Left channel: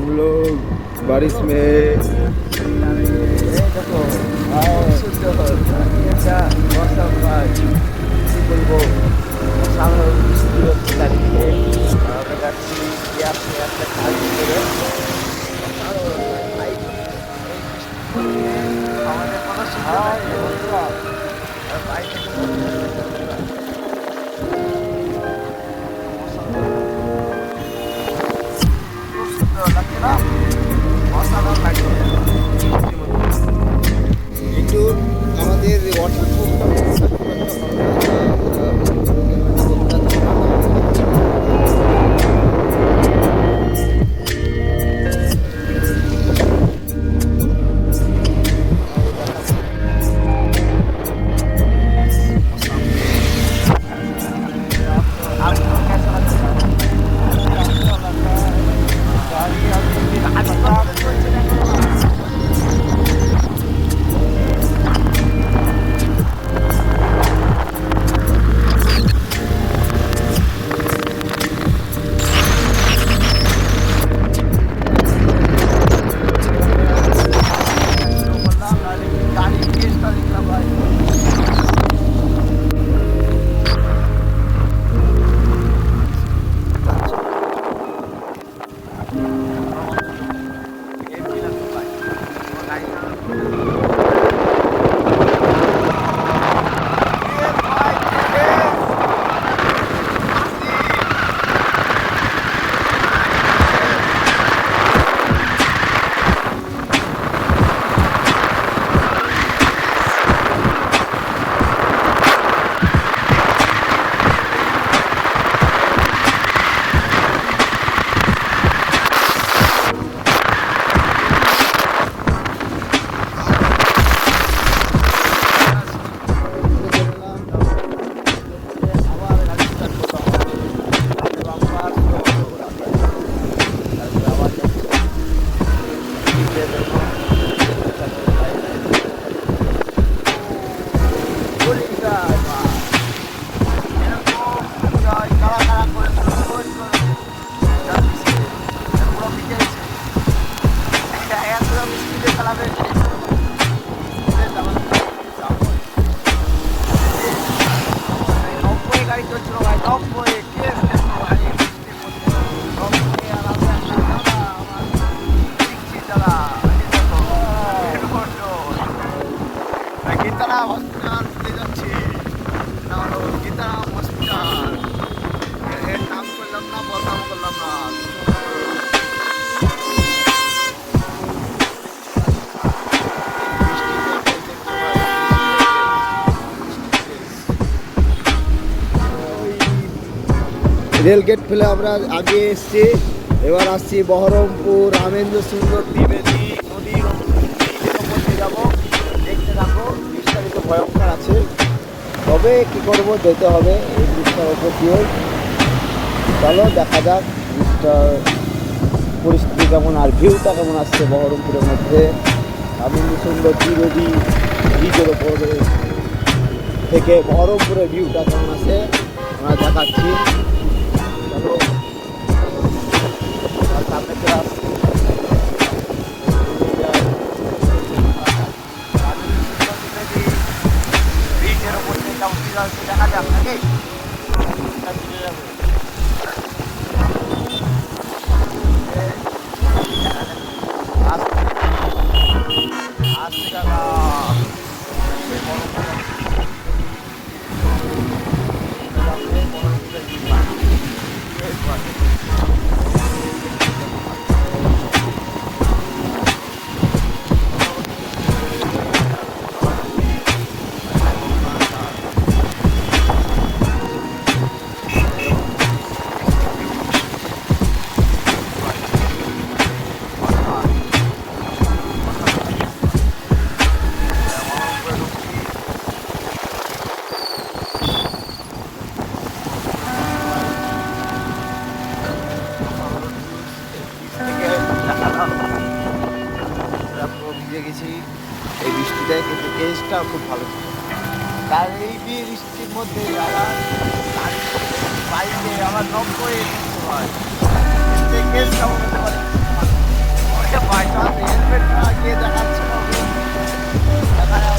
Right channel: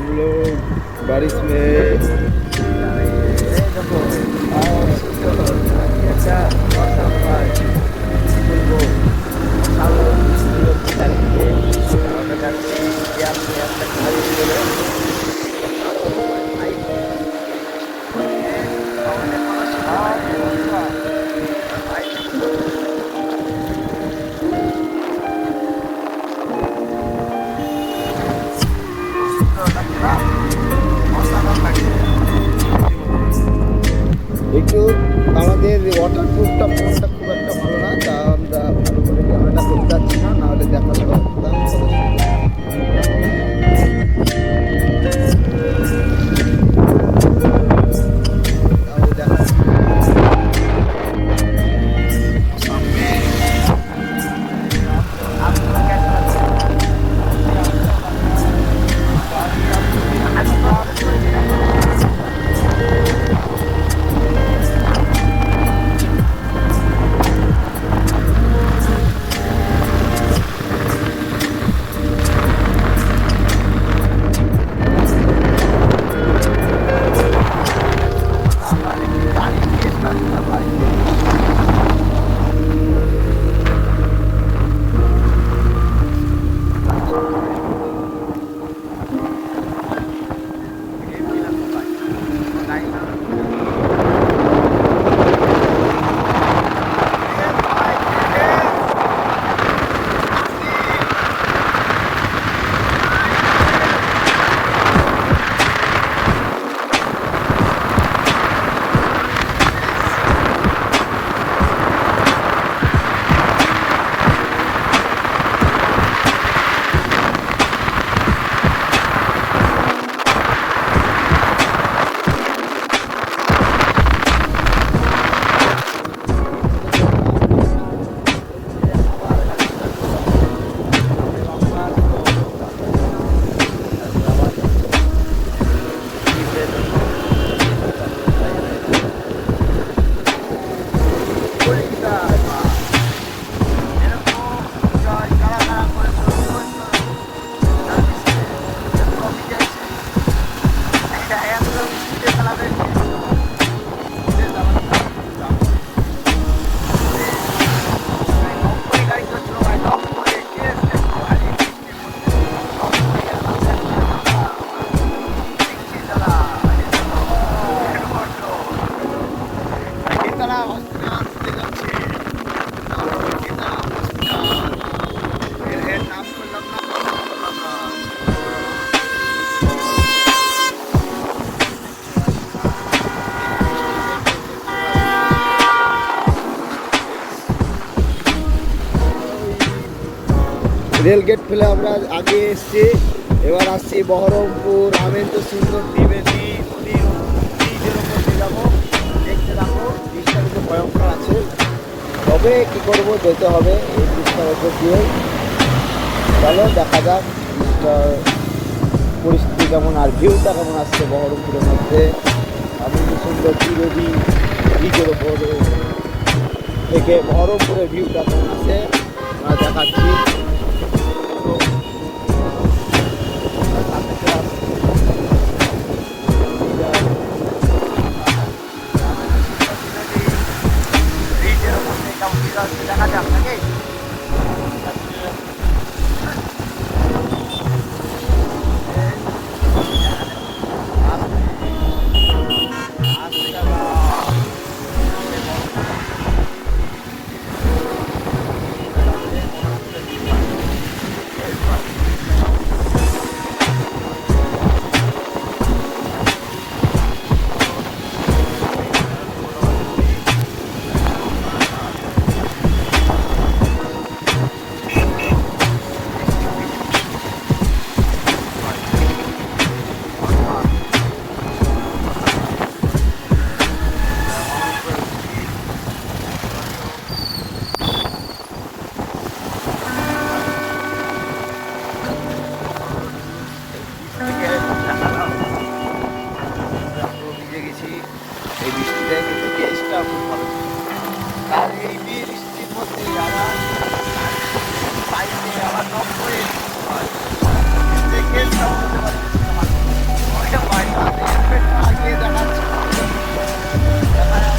हम लोग बारिश में देखो अच्छा वर्षा বলবো ভালো বৃষ্টি হচ্ছে চারিদিকে আর আমরা যাচ্ছি আপনি একটা কাজ করে আমাদের কোনো একটু আমাদের ওয়াটারপ্রুফটা ফোনটা খুব একটা ভালো না, তা আমরা ভালো করে ক্যামেরাটা করতে যাচ্ছি না, নাহলে দেখা যাবে রেল গেট ফেলে আমরা আগে এসছি, এবার আসছি বহরমপুর রামেন্দ্র সুন্দর ত্রিবেদী নদীর ওপর যাবো। দেখতে থাকো, ব্রিজটা কিন্তু ভয়ঙ্কর আছে, তবে কী করবো, যেতে হবে এই ব্রিজটার ওপর দিয়ে। চলো দেখা যাক ব্রিজটার পরিস্থিতি কেমন আর ভিউটা কেমন আসছে বহরমপুরের মধ্যে রামেন্দ্র সুন্দর ত্রিবেদী ব্রিজের ওপরে থেকে বহরমপুরের ভিউটা কেমন আছে আমরা দেখাচ্ছি। দেখা যাক নাকি ভিজে গেছি এই বৃষ্টিটায়, কিন্তু টেস্টটা খুব ভালো ছিল। তার এই বৃষ্টির মধ্যে আবার বাইকে আবার 90 কেমন হতে পারে। গিয়ে দেখাচ্ছি দেখা যাক।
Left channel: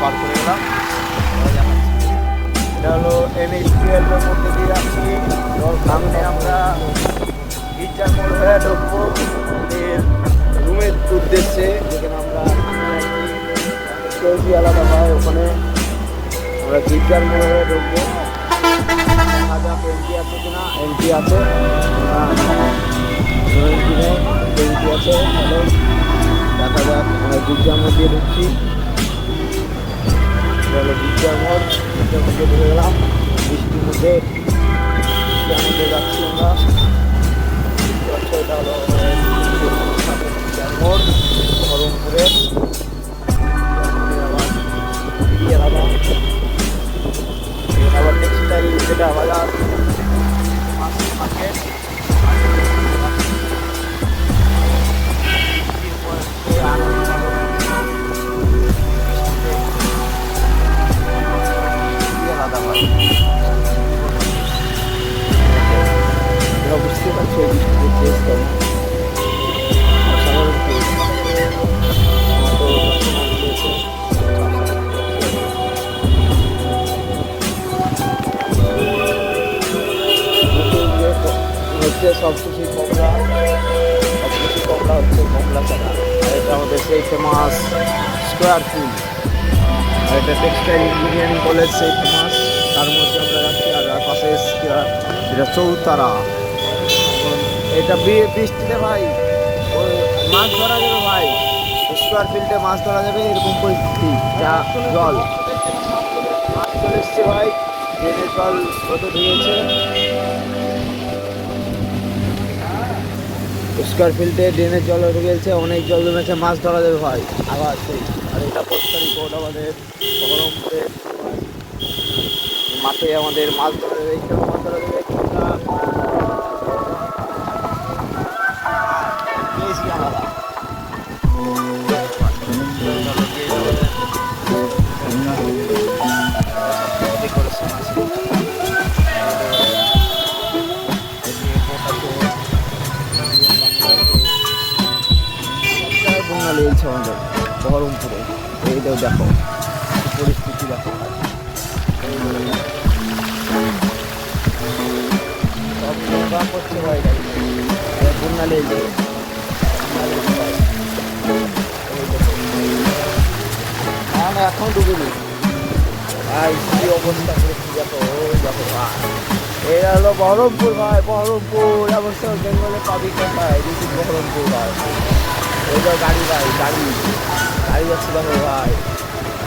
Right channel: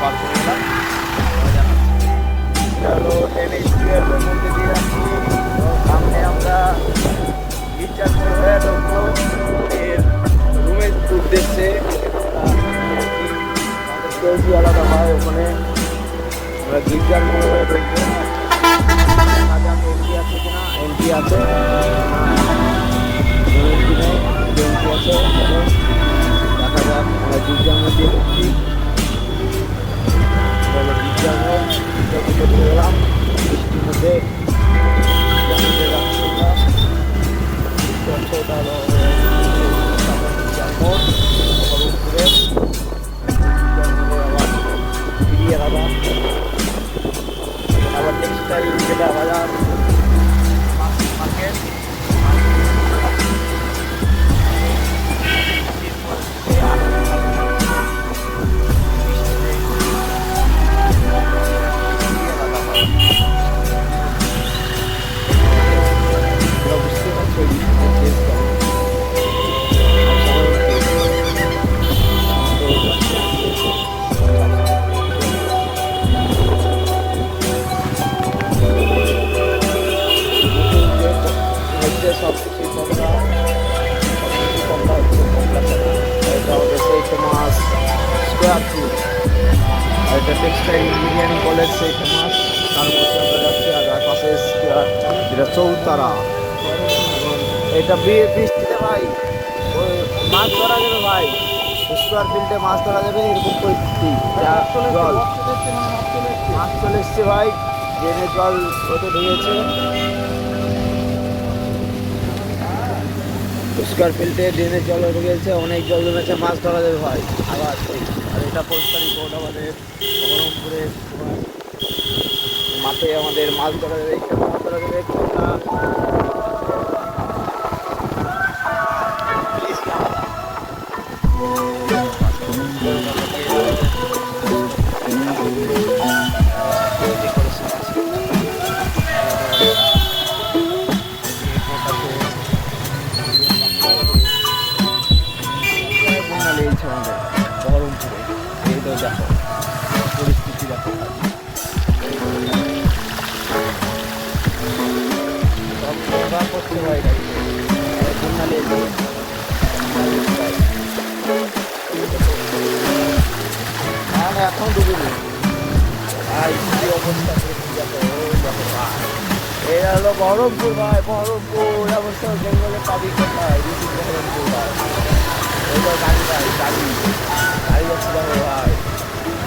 পার করে গেলাম, এটা হলো NH-12 মধ্যে দিয়ে যাচ্ছি। সামনে আমরা গির্জার মোড় হয়ে ঢুকবো এর রুমের উদ্দেশ্যে। আমরা কেউ আলাদা হয় ওখানে, আমরা গির্জার মোড় হয়ে ঢুকবো। দেখা যাক এন্ট্রি আছে কিনা। এন্ট্রি আছে না, এন্ট্রি নেই, এন্ট্রি আছে। দেখা যাক, আমরা গির্জার মোড় দিয়ে ঢুকছি। চলো গির্জার মোড় দিকে ঢুকে গেলাম। বৃষ্টির মধ্যে গির্জার মধ্যে যাচ্ছি আমরা। এটা হলো গির্জার মোড় বহরমপুরে। গির্জার মোড়ে আবার ফিরিয়ে আলাদা আবার টেক্সটাইল যেটা বাজার মার্কেট। বুঝতে পারছো বৃষ্টিতে টেস্ট কেমন হচ্ছে। সব কিছুই কমলা, সব কিছুই কমলা হচ্ছে, কমলা চালা। এটা আমাদের সেই ফেমাস স্কোয়ার ফিল্ড, আর এটা টেক্সটাইল ইঞ্জিনিয়ারিং কলেজ সেই ফেমাস। তার মধ্যে আমরা যাচ্ছি, আর পাশে যেটা চৌতারা। এটা বৃষ্টিতে ভাই মাছ ধরা যাবে ভাই, স্কোয়ার ফিল্ডে মাছ ধরা যাবে এরকম পরিস্থিতি। যা জল মাছ চলে এসছে ভাই, ড্রেনের জল কত ঢুকেছে। স্কোয়ার ফিল্ডে ড্রেনের জল উঠে গেছে, অনেক জল জমেছে, মাছ ধরা যাবে ভাই আবার সেই। আর এটা পরিষ্কারই কোর্ট আমাদের বহরমপুরের মাঠে আমাদের মাছ ধরা যাবে, এখানে মাছ ধরা যাবে। বন্যা লেগেছে আমাদের বহরমপুরে, এইটাও দেখো পরিস্থিতি দেখো। সব করতে হয় বন্যা লেগেছে না, এখন ডুবিনি ভাই, কি অবস্থা করেছি দেখো। দেখো ভাই, এই হলো বহরমপুর ভাই, বহরমপুর অবস্থা বেঙ্গলে পাবি কোথায়, বহরমপুর ভাই। এইটাই গাড়ি ভাই, গাড়ি যাচ্ছি দেখো ভাই,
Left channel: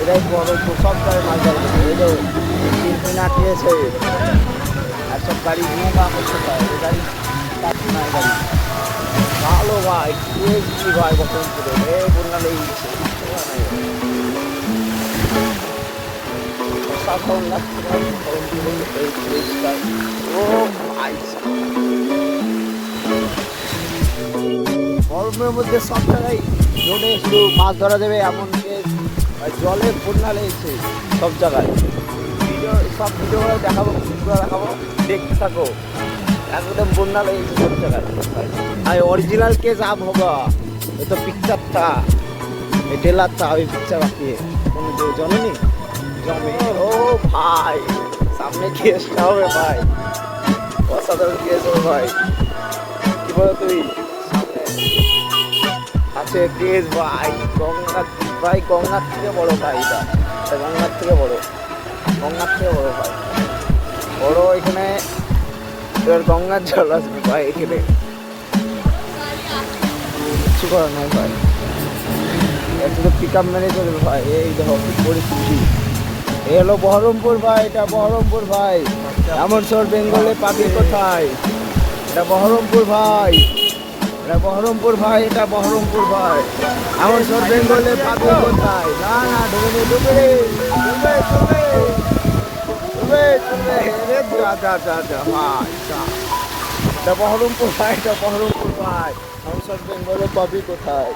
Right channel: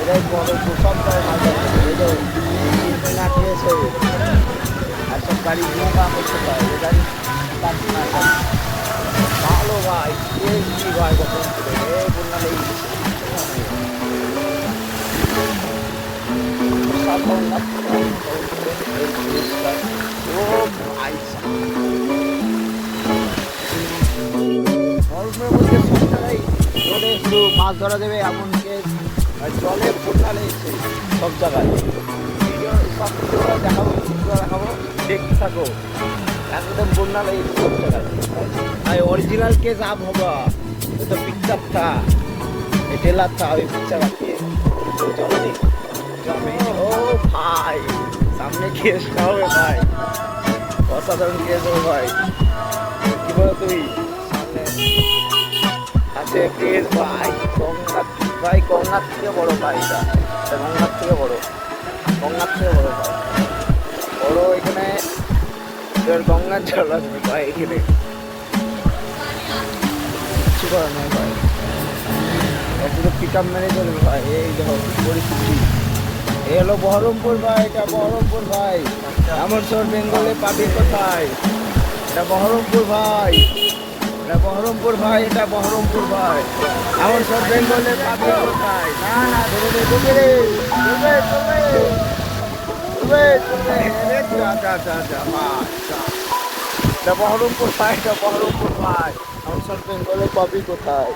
এটাই বহরমপুর। সব গাড়ি মাছ যাচ্ছে, এটাই আটকেছে। আর সব গাড়ি ঘুমা করতে পারে, এই গাড়ি পাচ্ছে না। গাড়ি ভালো ভাই, কি ভাই বহরমপুরে বন্যা লেগে গেছে। গরমের মধ্যে সব জায়গায় রোডে শুধু মাছ ধরা যাবে এমন জলে বন্যা লেগেছে সব জায়গায়। সব ভিডিও দেখাবো, ভিডিও দেখাবো, দেখতে থাকো। একদম বন্যা লেগেছে সব জায়গায়। আর অরিজিনাল কেস আপ হবা, এ তো পিকচার থা, এ টেলার থা, ওই পিকচার রাখিয়ে জমেনি জমে। ও ভাই, সামনে কেসটা হবে ভাই, অসাধারণ কেস হবে ভাই। কি বলো তুই, সামনে আছে কেস ভাই। গঙ্গার ভাই, গঙ্গার থেকে বড় ভাই, এটা গঙ্গার থেকে বড়, গঙ্গার থেকে বড় ভাই। বড় এখানে গঙ্গার জল আসবে ভাই, এখানে কিছু করার নয় ভাই। এত পিক আপ মেরে চলবে ভাই। এই দেখো পরিস্থিতি, এ হলো বহরমপুর ভাই, এটা বহরমপুর ভাই। এমন সব বেঙ্গলে পাবি কোথায়, এটা বহরমপুর ভাই, এটা বহরমপুর ভাই, এটা বহরমপুর ভাই। এমন সব বেঙ্গলে পাবি কোথায়। না না, ধরে নে, ডুবে রে, চলবে চলবে চলবে চলবে, যা যা যা যা ভাই, এটা বহরমপুর ভাই, এটা বহরমপুর ভাই। এমন সব বেঙ্গলে পাবি কোথায়।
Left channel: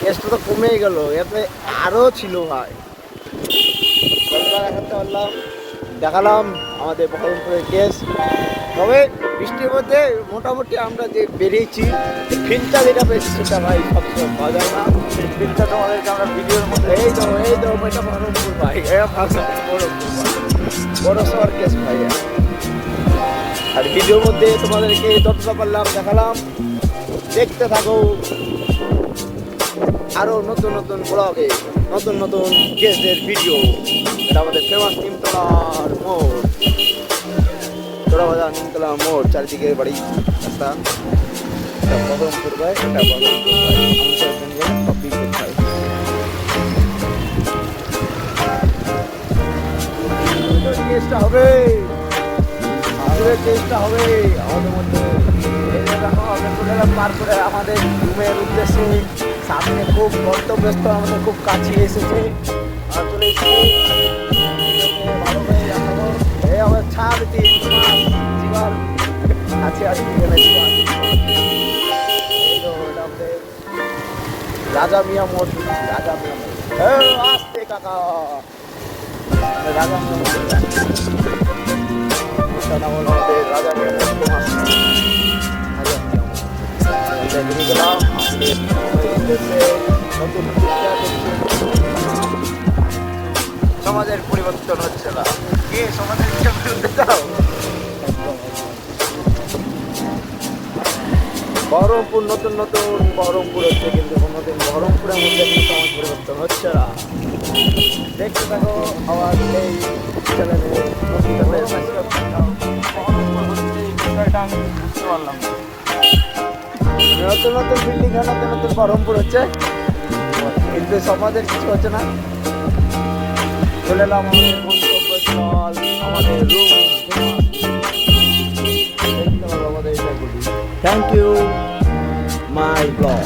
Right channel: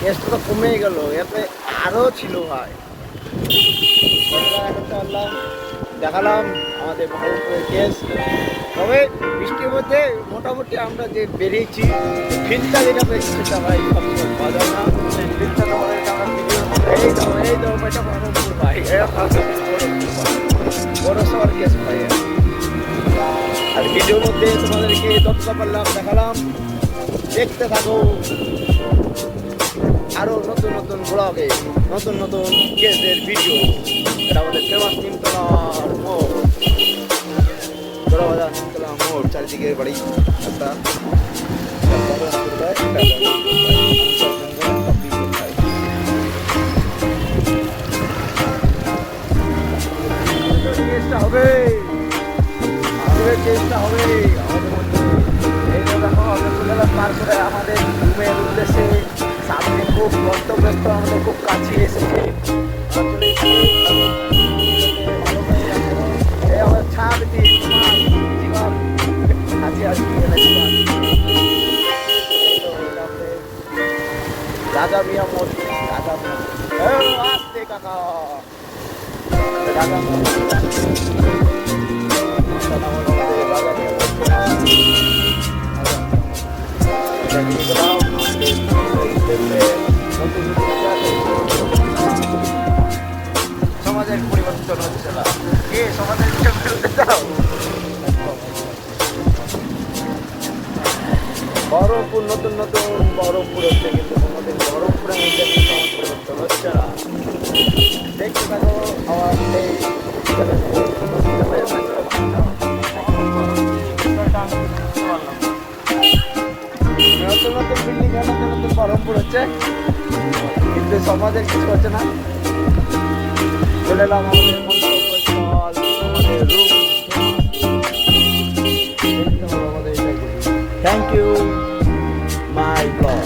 কেসটা তো কমেই গেল, এতে আরও ছিল ভাই। কতবার করতে পারলাম দেখালাম আমাদের বহরমপুরের কেস। তবে বৃষ্টির মধ্যে মোটামুটি আমরা যে বেরিয়েছি ফিলটা যেটা পেয়েছি সেটা ভাই সবসময় পাওয়া যায় না। সেই ফিলটা তোমাদেরকে আমরা ভিডিওর মধ্যে এই তো এটা বহরমপুর ভাই, বহরমপুর ভাই, বড় শহর কেস ভাই। আর ভিডিওর মধ্যে তোমাদেরকে যতটা পারলাম দেখালাম, দেখতে থাকো আরো নতুন নতুন ব্লগে নতুন নতুন কেসের ভিডিও। এটা আমাদের ফেমাস নিমতলার মোড়, তোরাবাজার নিমতলা মোড়, চারিদিকে বাড়ি রাস্তা। চেষ্টা হবে চেষ্টা হবে আমাদের মধ্যে। এই দেখো আমরা চলে এলাম পার করে আমাদের রুমের উদ্দেশ্যে। সামনে খুব গন্তব্যস্থ, আমাদের খুব কাছে এসেছে, চলে এসেছি ভালো করে দেখাবো। এই আমার ছাড় দিন তোমার জীবন কাছে আসি রাজা মিয়া মোড়, রাজা মিয়া মোড় আসতে কাকা, রাজা মিয়া মোড় রাজা মিয়া গেলাম নতুন সমাজের পরিবর্তন হচ্ছে না, কে সমাজের বিরুদ্ধে যাও। বহরমপুর নতুন নতুন বহরমপুর হচ্ছে, কিন্তু কোনোদিন বহরমপুরের মধ্যে কিন্তু সমাজ পরিবর্তন হচ্ছে না। দেখতে থাকো আমার এই নতুন নতুন বিল্ডিং, নতুন নতুন বহরমপুর হচ্ছে, কিন্তু সমাজের কিছু হচ্ছে না। চলে এলাম আমাদের গন্তব্যস্থল, আমাদের রুম। দেখতে হবে আমাদের এটাই। Thank you my blog.